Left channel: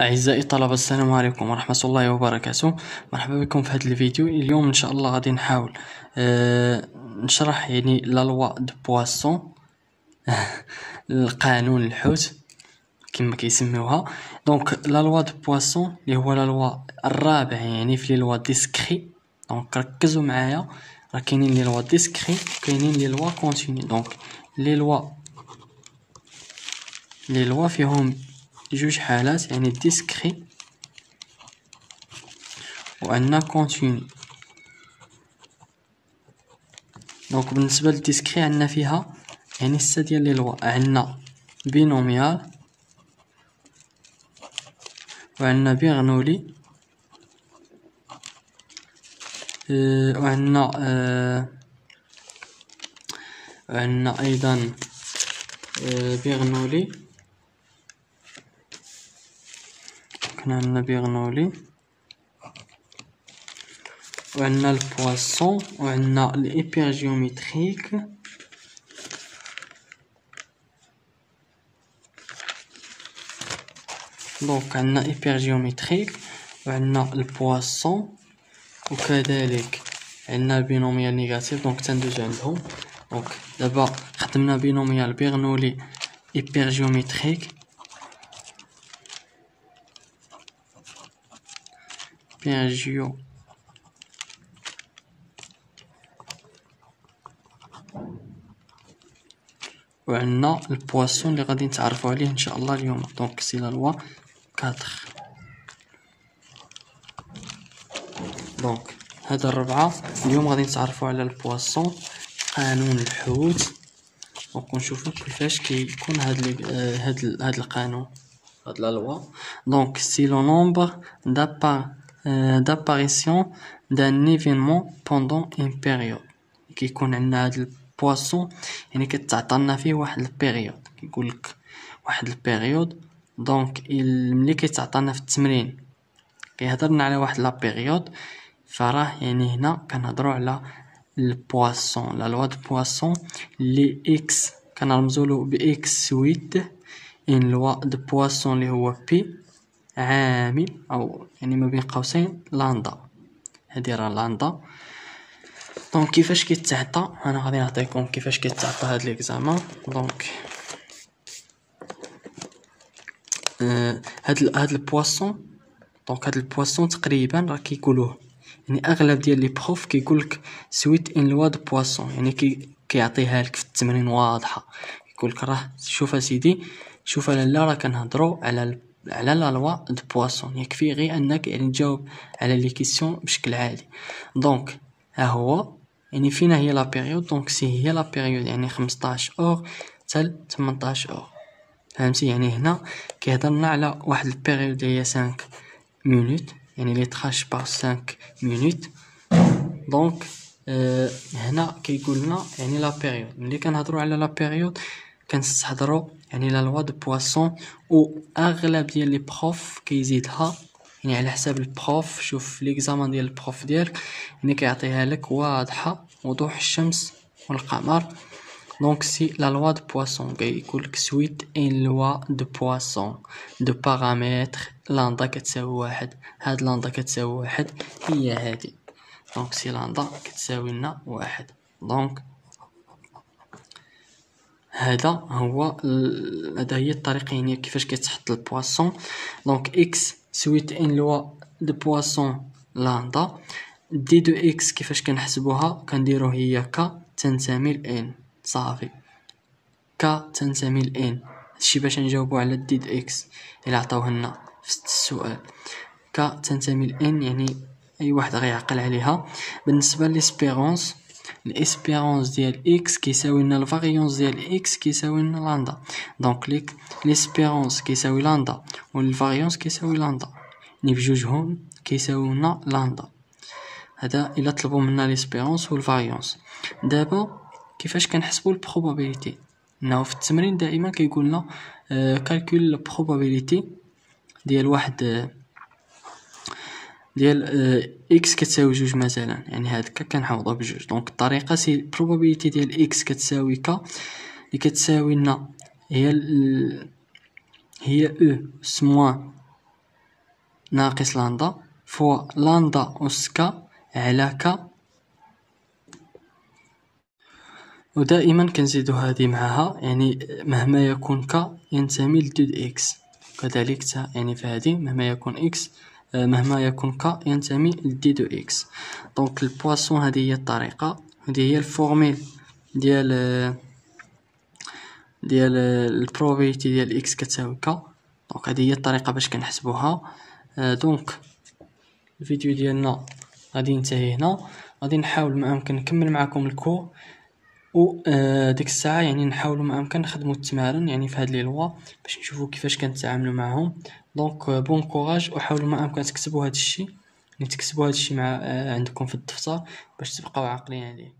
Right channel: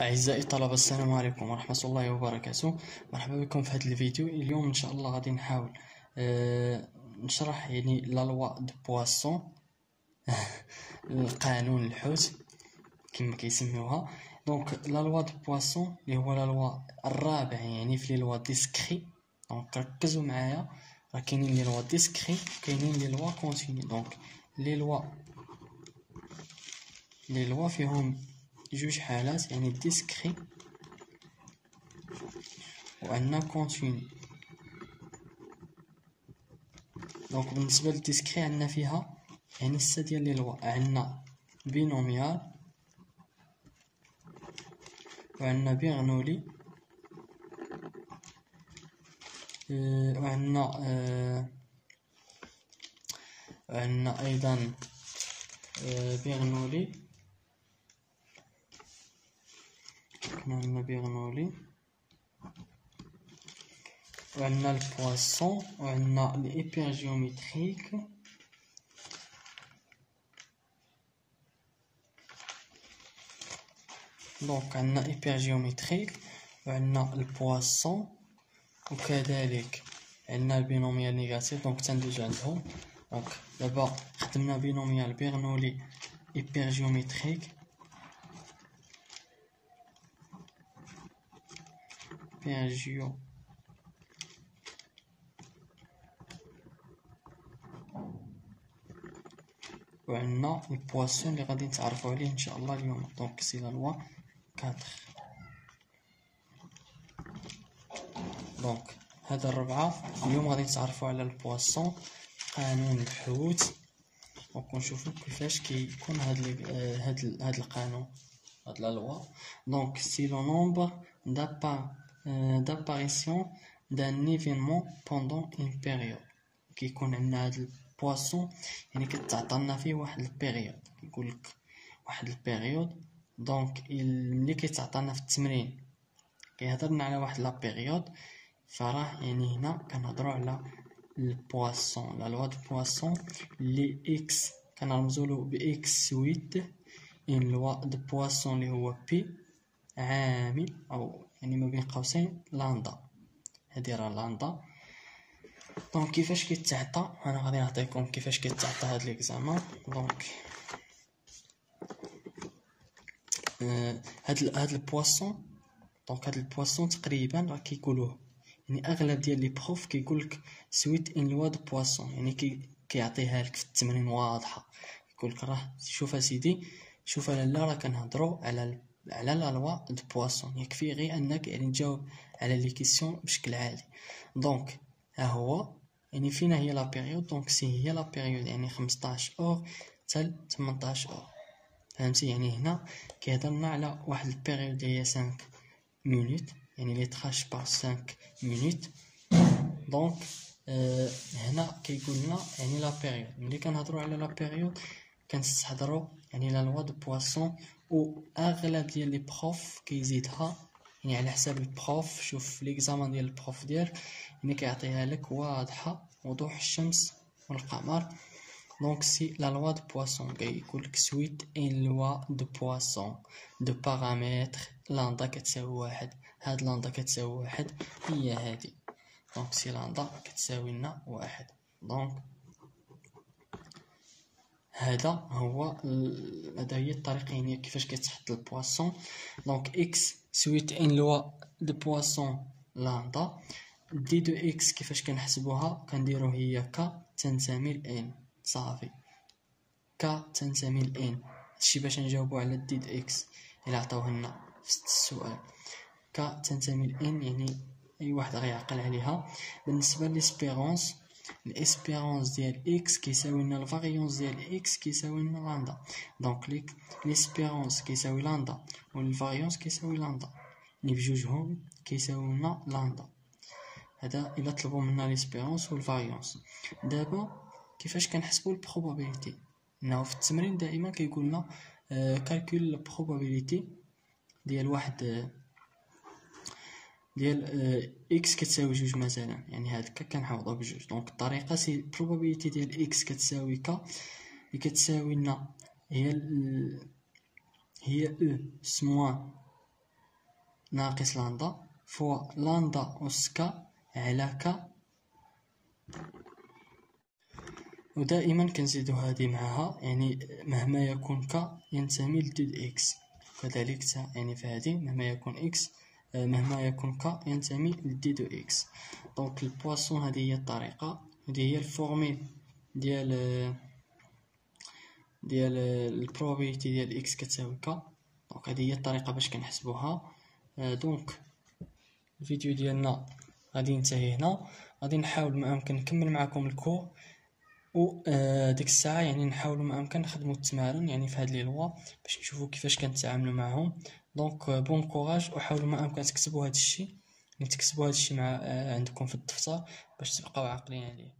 أعزائي الطلبة، السلام عليكم ورحمة الله وبركاته. مرحبا بكم في هذا الفيديو. اليوم إن شاء الله غادي نحاول نشرح لا لوا دو بواسون القانون الحوت كما كيسميوها. دونك لا لوا دو بواسون اللي هو لا لوا الرابع في لي لوا ديسكري. دونك ركزوا معايا، راه كاينين لي لوا ديسكري وكاينين لي لوا كونتيني. دونك لي لوا فيهم جوج حالات، ديسكري وعندنا كونتيني. دونك بالنسبه للديسكري عندنا فيها ستة ديال لي لوا. عندنا بينوميال وعندنا بيرنولي وعندنا ايضا بيرنولي. عندنا بيرنولي وعندنا البواسون وعندنا الإيبيرجيوميتريك دونك عندنا إيبيرجيوميتريك وعندنا البواسون، وكذلك عندنا البينوميال نيجاتيف. دونك تندوزو عندهم. دونك دابا خدمنا بينوميال بيرنولي إيبيرجيوميتريك وعندنا البواسون اللي غادي نتعرفوا عليه ان شاء الله اليوم. دونك سي لا لوا 4. دونك هاد الربعه اليوم غادي نتعرفوا على البواسون، قانون الحوت، ونشوفوا كيفاش كيكون هاد القانون، هاد لا لوا. دونك سي لو نومبر d'apparition d'un événement pendant une période. كيكون عندنا هاد البواسون كتعطينا فيه واحد البيريود، كيقول لك واحد البيريود. دونك ملي كيتعطينا في التمرين كيهضرنا على واحد لا بيريود، فراه هنا كنهضروا على البواسون، لا لوا دو بواسون لي اكس كنرمزولو باكس 8. ان لوا دو بواسون اللي هو بي عامل او ما بين قوسين لاندا. هادي راه لاندا. دونك كيفاش كيتعطى، انا غادي نعطيكم كيفاش كيتعطى هاد ليكزامان. دونك هاد البواسون، دونك هاد البواسون تقريبا راه كيقولوه اغلب ديال لي بروف كيقولك سويت ان لوا دو بواسون، كيعطيها لك في التمرين واضحه. يقولك راه شوف اسيدي، شوف لالا، راه كنهضروا على لا لوا دو بواسون. يكفي غير انك تجاوب على لي كيسيون بشكل عادي. دونك ها هو فينا هي لا بيريود. دونك سي هي لا بيريود 15 اور حتى 18 اور. فهمتي؟ هنا كيهضرنا على واحد البيريود هي 5 مينوت، لي تراش بار 5 مينوت. دونك هنا كيقول لنا لا بيريود. ملي كنهضروا على لا بيريود كنستحضروا لا لوا دو بواسون، و اغلب ديال لي بروف كيزيدها على حساب البروف. شوف ليكزامان ديال البروف ديالك كيعطيها لك واضحه، وضوح الشمس والقمر. دونك سي لا لوا دو بواسون، كيقول لك سويت ان لوا دو بواسون دو بارامتر لاندا كتساوي 1. هاد لاندا كتساوي 1 هي هادي. دونك سي لاندا كتساوي لنا 1. دونك هذا هي الطريقه كيفاش كيتحط البواسون. دونك اكس سويت ان لوا دو بواسون لاندا. دي دو اكس كيفاش كنحسبوها؟ كنديرو هي ك تنتمي لان، صافي. ك تنتمي لان، هادشي باش نجاوبو على دي دو اكس الى عطاوه لنا في السؤال. ك تنتمي لان اي واحد غيعقل عليها. بالنسبه للاسبيرونس، الاسبيرونس ديال اكس كيساوي لنا الفاريونس ديال اكس كيساوي لنا لاندا. دونك ليسبيرونس كيساوي لاندا والفاريونس كيساوي لاندا، بجوجهم كيساوي لنا لاندا. هذا الا طلبوا منا ليسبيرونس والفاريونس. دابا كيفاش كنحسبوا البروبابيليتي؟ انه في التمرين دائما كيقول لنا كالكول البروبابيليتي ديال واحد ديال اكس كتساوي 2 مثلا، هادكا كنعوضوه بجوج. دونك الطريقه سي البروبابيليتي ديال اكس كتساوي ك، اللي كتساوي لنا هي او سموان ناقص لاندا فوا لاندا أس كا على كا. ودائما كنزيدو هذه معها، يعني مهما يكون ك ينتمي ل 2 اكس. كذلك يعني في هذه مهما يكون اكس مهما يكون ك ينتمي ل دي دو اكس. دونك البواسون هذه هي الطريقه، هذه هي الفورميل ديال البروبابيليتي ديال اكس كتساوي ك. دونك هذه هي الطريقه باش كنحسبوها. دونك الفيديو ديالنا غادي ينتهي هنا. غادي نحاول ما امكن نكمل معكم الكور، و ديك الساعه يعني نحاولوا ما امكن نخدموا التمارين يعني في هاد لي لوا باش نشوفوا كيفاش كنتعاملوا معهم. دونك بون كوراج، وحاولوا ما امكن تكتبوا هاد الشيء، يعني تكتبوا هاد الشيء مع عندكم في الدفتر باش تبقاو عاقلين عليه.